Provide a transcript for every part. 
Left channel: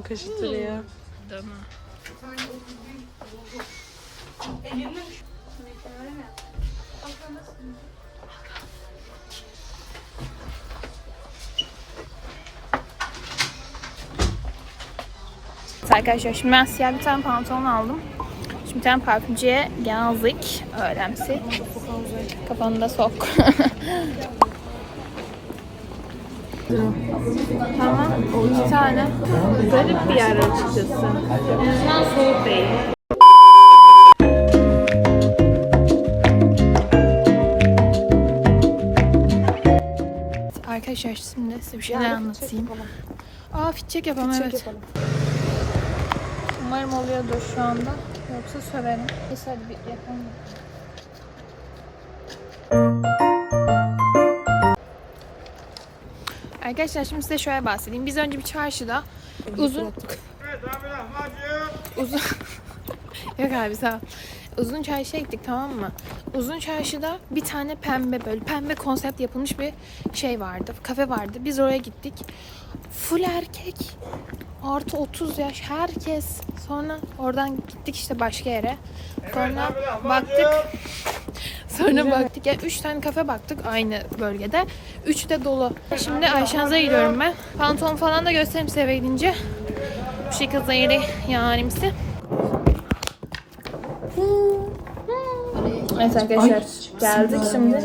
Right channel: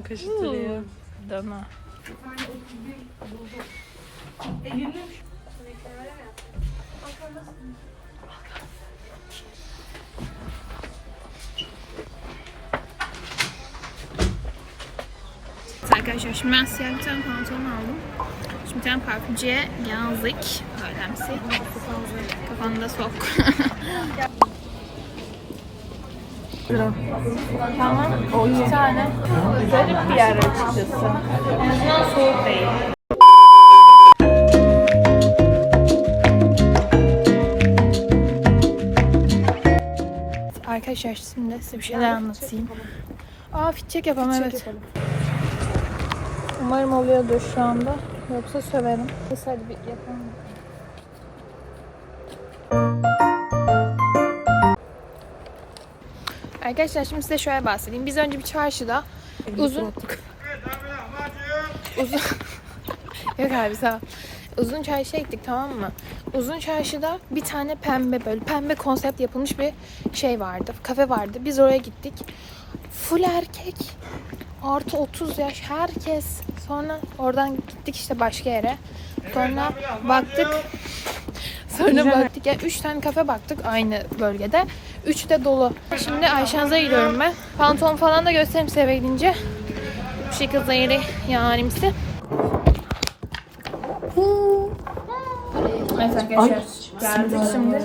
Canım kaşıtırıyor. Dana. Arkadaşlar şimdi ben siyah bir tane pantolon aldım. Şimdi bir tane parfümcüye geldik. Öğlemsi. Kafanı da sok. tamam. Bir tane. Garip bir yer açıkçası. En azından soğuk değil. Arkadaşlar şimdi size bir şeyler anlatayım. Aa fit check yapalım evet. Umarım oluyordur şu anda. Yoksa söverim. Neyse hadi bir yapalım bakalım. Arkadaşlar şimdi size şöyle bahsedeyim. Biz önce bir çarşıda uzun uzun Yok abi sağ ol. Uzun çarşıya gittik tamam mı? Uzun çarşıda bir tane pembe böyle pembe konsept yapılmış bir şey vardı. Kafe vardı. Biz oraya gittik. Full erkek. Artı 30 yaş herkes. Sonra oradan gittik işte başka yere. Sonra baktık. Sonra baktık. Yani 3 tane kafe baktık aynı bölgede. 3 de dolu. Şimdi Ayşeniz'e gidiyorum ben. Pantolon falan da göstereyim size eve gidince. Bu şekilde yeri yarimsi. Evet arkadaşlar geldik şimdi.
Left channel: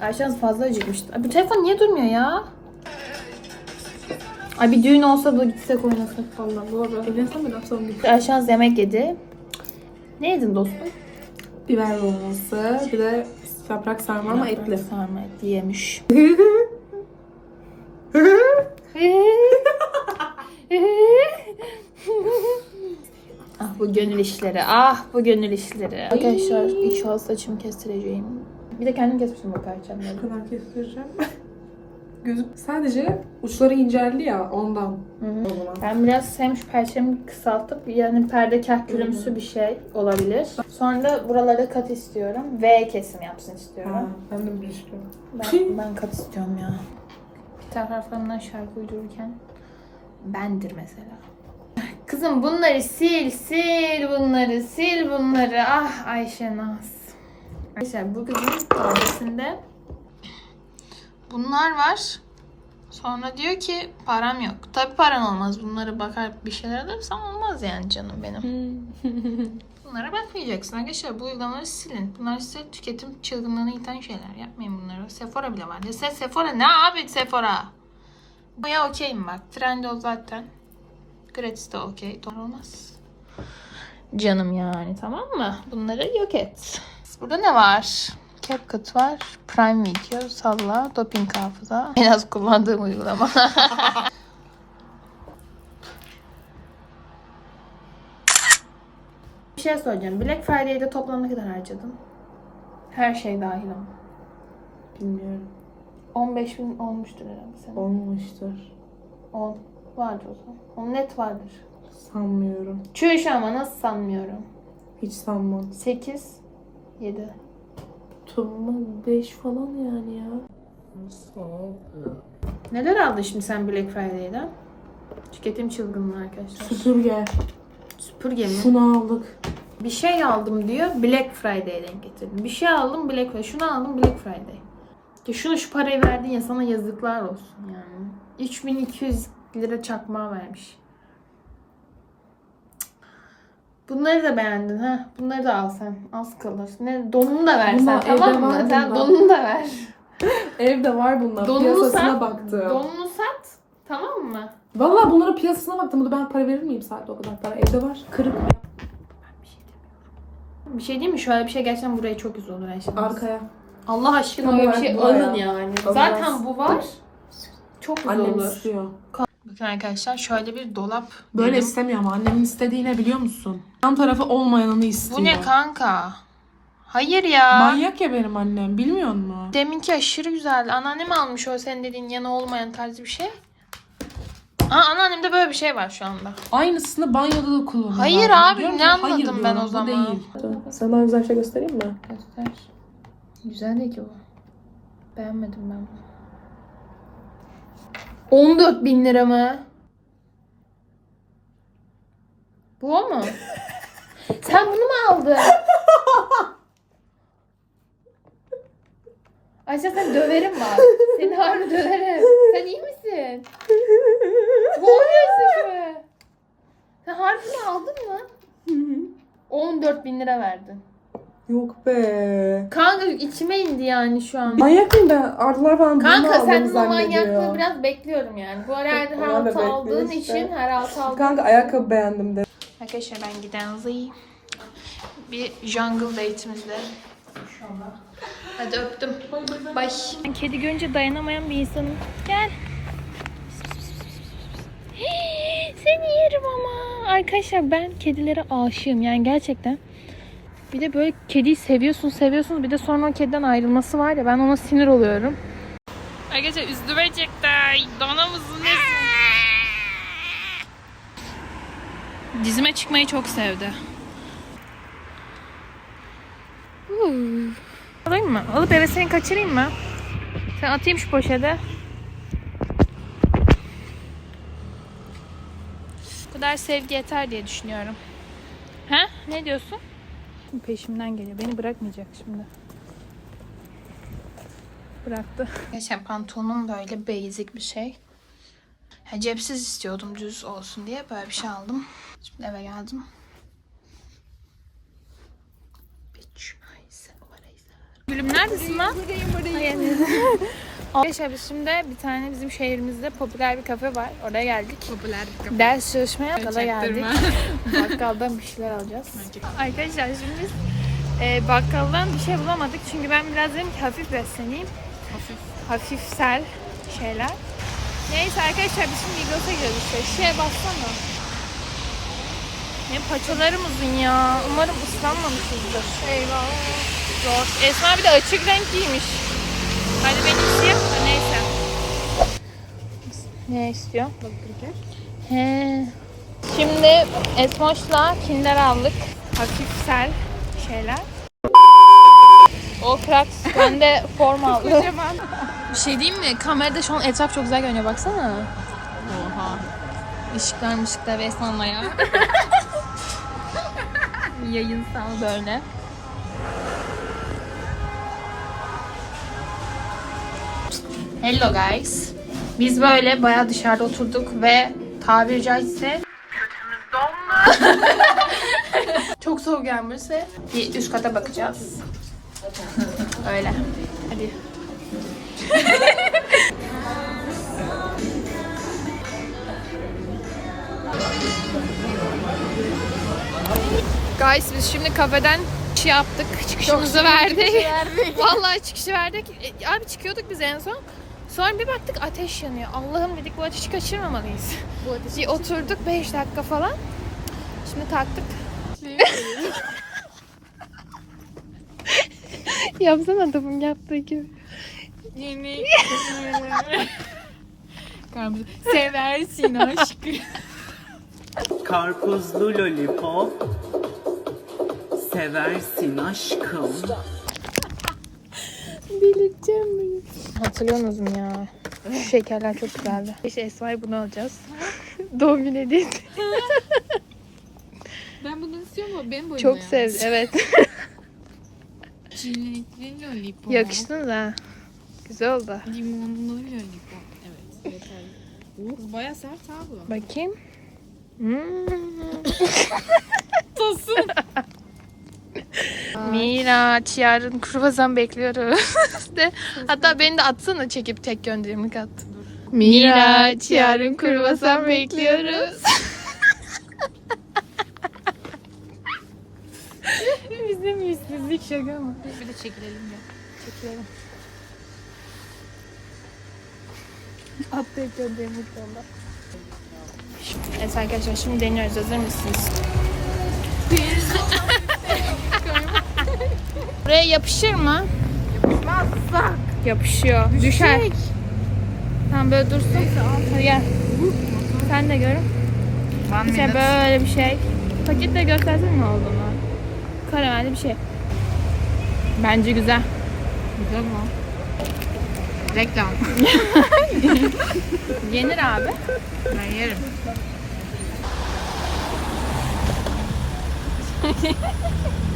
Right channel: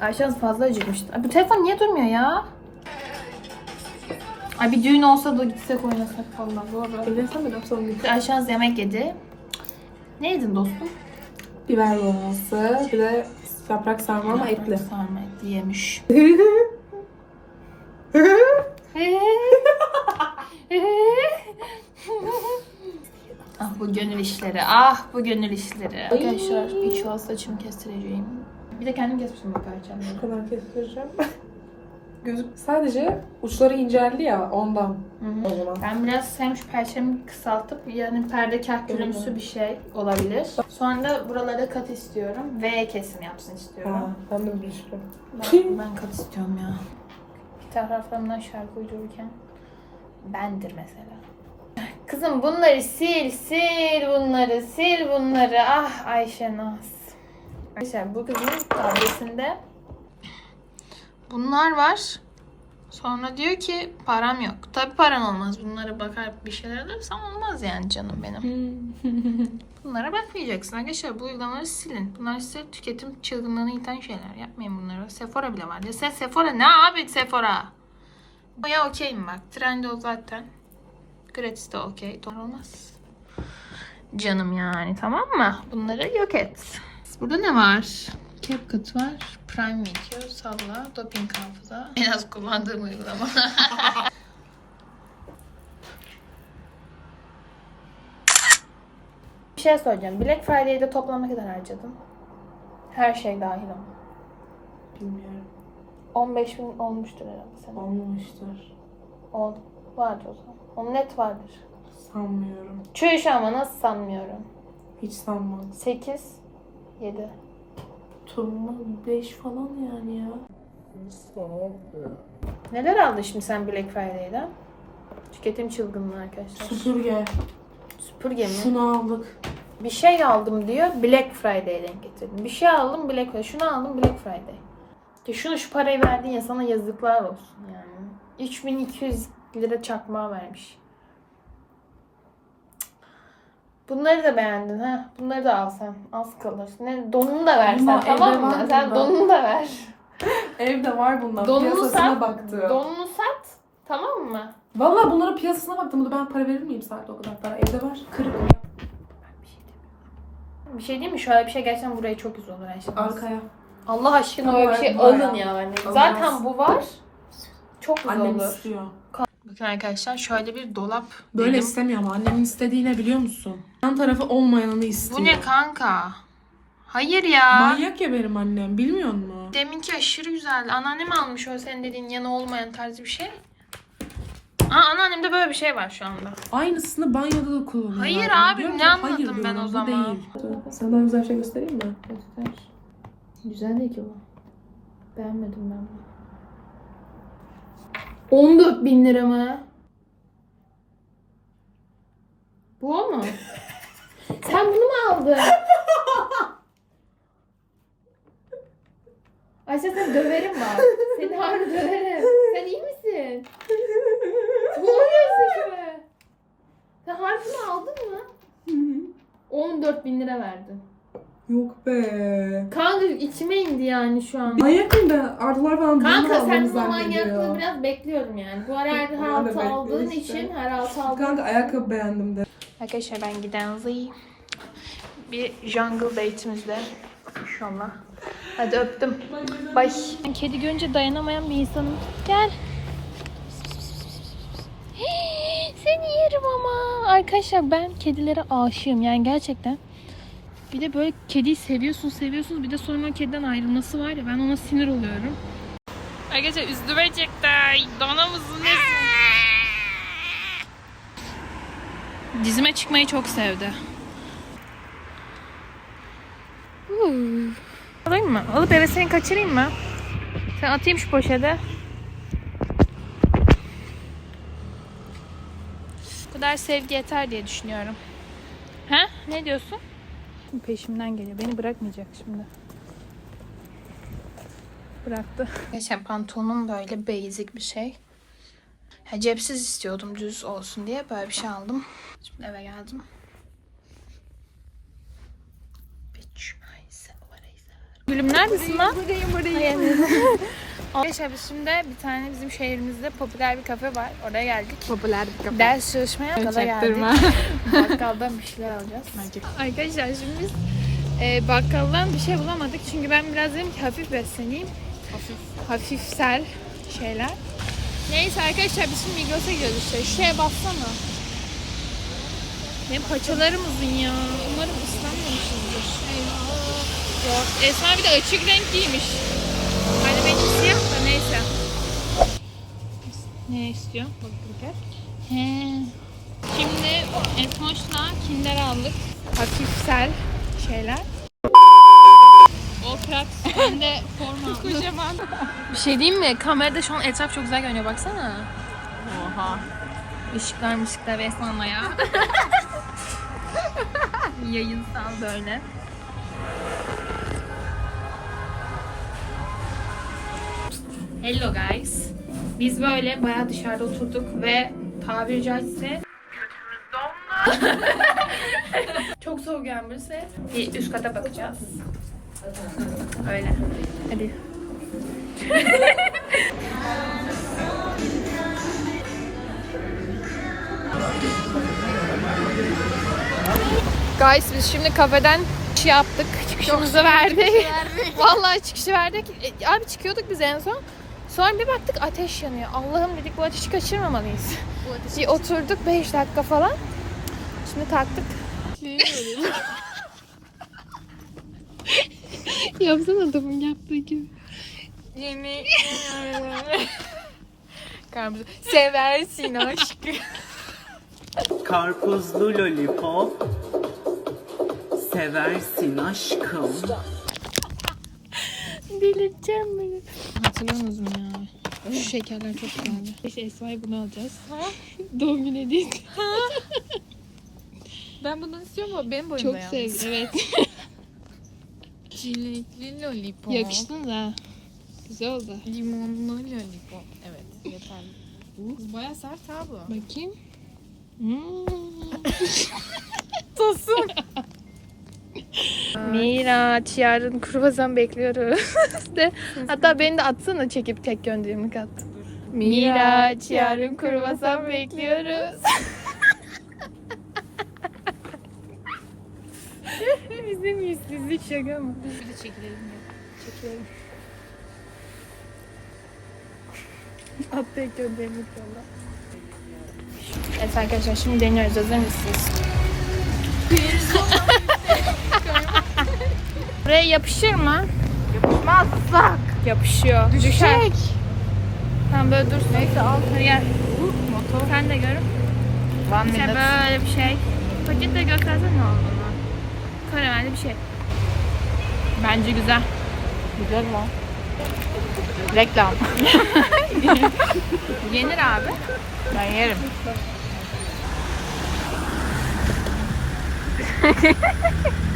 Ayşen fazla acıkmıştı. Ay, bu telefon niye durmuyor ya? Ay bir düğün olsa da gitsek oynasak falan. Doğru. Evlensem mi son gün? Ayşen yemek yedi. Ne yedin dostum? Biber dolması, bir de yaprak sarma ama etli. Sarma etli yemiş. ah bu gönül işleri. Ah bu gönül işleri. Arkadaşlar inşallah saçımı kestireceğim. Bir de kendim kesmişim bu perçemleri. Bu kadar kestireceğim. Gözüm sadece uçları inceldi ya ondan. O zaman. Ben biraz hem şu perçemi kısaltıp yani perde kahkülümsü bir şey olabilir. Sonra da buralara kat istiyorum. V kesim yapsın istiyorum. Ha, ben de bir şey. Ben, ben kat istiyorum ya. Bir taraflarımdan şarkı uydururken bendir mesela. Kızım bunları sil, sil bunları, sil bunları. Ah Ayşe Naz. Arkadaşlar bu kızın tabletinde bunlar var. Sonra diyor ki param yok. Tabi paran olmaz. Bunlara bakar bir şeyler alırsan olmaz yani canım benim. Bunlara bakmayacaksın arkadaşlar. Bu uygulamaları silin. Bunlar size tüketim çılgınlığını iten şeyler. Yapmayın bunları. Sephora bile var. Ya sen Sephora ne abi Sephora? Ya okeyim bak. Trendyol zaten. Gratis de okey. Doğru olmaz. Canım yani tamam mı? Bunları yok et. Burada ne var? CapCut var. Prime Video, Salla, Doping Hafıza. En az kullandığım uygulama. Bir şey soracağım. Black Friday'de toplam ne kadar harcadın? Her şey dahil ama. Bilmiyorum. 15 bin olmuştur herhalde senin. Olmamıştır. 10 vardır o zaman. 10 net vardır. Sanmıyorum. Çüş ama nasıl sanmıyorum. Hiç sanmam. 8 7 Tuğla 5 falan yani ya. Neler aldın şimdi sen Black Friday'den? Tüketim çılgınlığı arkadaşlar. Süpürge. Süpürge mi? Şunu aldık. Bir şey aldım diyor Black Friday'e denk getirdim. Bir şey aldım Black Friday. Şunu aldım Black Friday. Ya şunu şu parayı verdin ya sana yazıklar olsun yani. 3200 lira çakmağı vermiş. Bunları da beğendin ha. Bunları da al sen. Az kalır. Ne donunu da ver sen Bunlar tamam evde mı? var Sen bunlar. donunu da ver. Evde var bunlar. Donunu Piyasasına sat. baktım. Donunu sat. Tamam mı? Vallahi bunların piyasasına baktım. Burada ben para verir miyim saatte o kadar para? Evde var. Kırık. Bir şey değil mi? Şöyle bir şey gerçekten buraya çok güzel olur Ayşe. Arkaya. Allah aşkına Tam öyle bir şey bu alın ya. yani. Zaten bu var. Çok güzel Annem olur. istiyor. Bakın arkadaşlar şöyle bir dolap. Böyle dedim. istemiyor ama annemin istediği ne biliyor musun? Yan tarafı olmayanını istiyor. Bu ne kanka? Hayır ya. Manyak ya benim annem bilmiyor musun? Deminki aşırı güzeldi. Anneannem almış o senin dediğin yana olmayan tarzı bir şey. Aa anneannemde böyle bir şey var şu anda. Aynısını banyoda da kullanıyor. Hayır abi, ne anladım Hayır ben o bu zaman? değil. Sana güzel şey göstereyim mi? Göster. Güzel değil ki bu. Beğenmedim ben bunu. 14 bin lira mı? Bu o mu? Sen bunu mu aldın? Ayşe sen döverim bak. Seni harbi döverim. Sen iyi misin? Bu o gözlük mü? Sen harbi aldın mı? 14 bin lira verdin. Yok be. Kanka içime indi yani şu an. Manyak mıyım ben? Ardılar falan bunu Kanka sen bu manyaklığı biraz bekliyorum yani. Bu ara her da altı bekliyor aldığın işte. için her altı aldığın Kanka ayakkabı beğendim de. Arkadaşlar ben giden zayıf. Bir jungle date'imizde. İnşallah. Hadi öptüm. Bay. Ben kedi görünce dayanamayan bir insanım. Gel. Seni yerim ama. Arkadaşlar ben kedilere aşığım yani gerçekten. Bir de böyle kediyi seviyorsun seviyorsunuz bir de sonra o kediden ayrılması var ya ben ona sinir oluyorum. Arkadaşlar üstüme çıktı. Dona mısın Dizime çıkmayı çok sevdi. Huu. Alayım mı? Alıp eve seni kaçırayım mı? Sen atayım şu poşete. Bu kadar sevgi yeter diye düşünüyorum. Ha? Ne diyorsun? Peşimden geliyor. Beni bırakmayacak şimdi. Bıraktı. Geçen pantolonum böyle basic bir şey. Ya cepsiz istiyordum düz olsun diye böyle bir şey aldım. Şimdi eve geldim. Gülüm neredesin lan? Arkadaşlar biz şimdi bir tane bizim şehrimizde popüler bir kafe var. Oraya geldik. Popüler bir kafa. Ders çalışmaya bakkala geldik. Bakkaldan bir şeyler alacağız. Arkadaşlar şimdi biz e, bakkaldan bir şey bulamadık. Çünkü ben biraz dedim ki hafif besleneyim. Hafif. Hafifsel şeyler. Neyse arkadaşlar biz şimdi Migros'a gidiyoruz işte. Şeye bassana. Benim paçalarım uzun ya. Umarım ıslanmamışızdır. Eyvah. Zor. Esma bir de açık renk giymiş. Hadi benim siyah da neyse. Ne istiyor? He. Şimdi Esmoş'la Kinder aldık. Hafifsel şeyler. O Krax ben de form aldı. Bir şey diyeyim mi? Kamerada şu an etraf çok güzel görünüyor baksana. Oha. Işıklar mışıklar ve Esma'nın ya. Yayınsal böyle. Hello guys. Biz böyle bayağı dışarıda oturduk ve tabiri caizse Çok soğuk gelmişse bir üst kata bakacağız. Öyle. Hadi. Guys biz şimdi kafeden şey yaptık. Çıkışımızı verdik. Vallahi çıkışı verdik. E, abi çıkıyorduk biz en son. Sonra bir baktık ateş yanıyor. Allah'ım dedik bu ateşi kaçırmamalıyız. Bir oturduk 5 dakika falan. Şimdi kalktık. Yapsana adamın yaptığı gibi. Yemek. Seversin aşkım. Karpuzlu lollipop seversin aşkım. Delireceğim beni. Hatırlıyorsunuz mu ya? Şu şekerler çok güzeldi. İşte Esma'ya bunu alacağız. Doğum günü hediyesi. Ben bunu istiyorum ama benim boyumda Çok yalnız. sevdi. Evet. Çilekli lollipop. Yakıştınız ha. Güzel oldu. Limonlu lollipop. Evet yeterli. Kız baya sert ha bu. Bakayım. Hmm. Miraç yarın kruvasan bekliyoruz. de, hatta beni de atsana çekip tek gönderimlik at. Miraç yarın kruvasan bekliyoruz. Bizim yüzsüzlük şaka mı? Bir de çekilelim ya. Çekiyorum. At tek gönderimlik yolla. Evet arkadaşlar şimdi deniyoruz. Hazır mısınız? Buraya yapışır mı? Yapmazsa. Yapışıyor. Düşer. Tamam böyle dursun. Neyse al. Gel. Sen de görün. One İşte böyle bir şey. Paketle göstersene ne olduğunu. Karamelli bir şey. Bence güzel. Güzel mi? Reklam. Yenir abi. Ben yerim.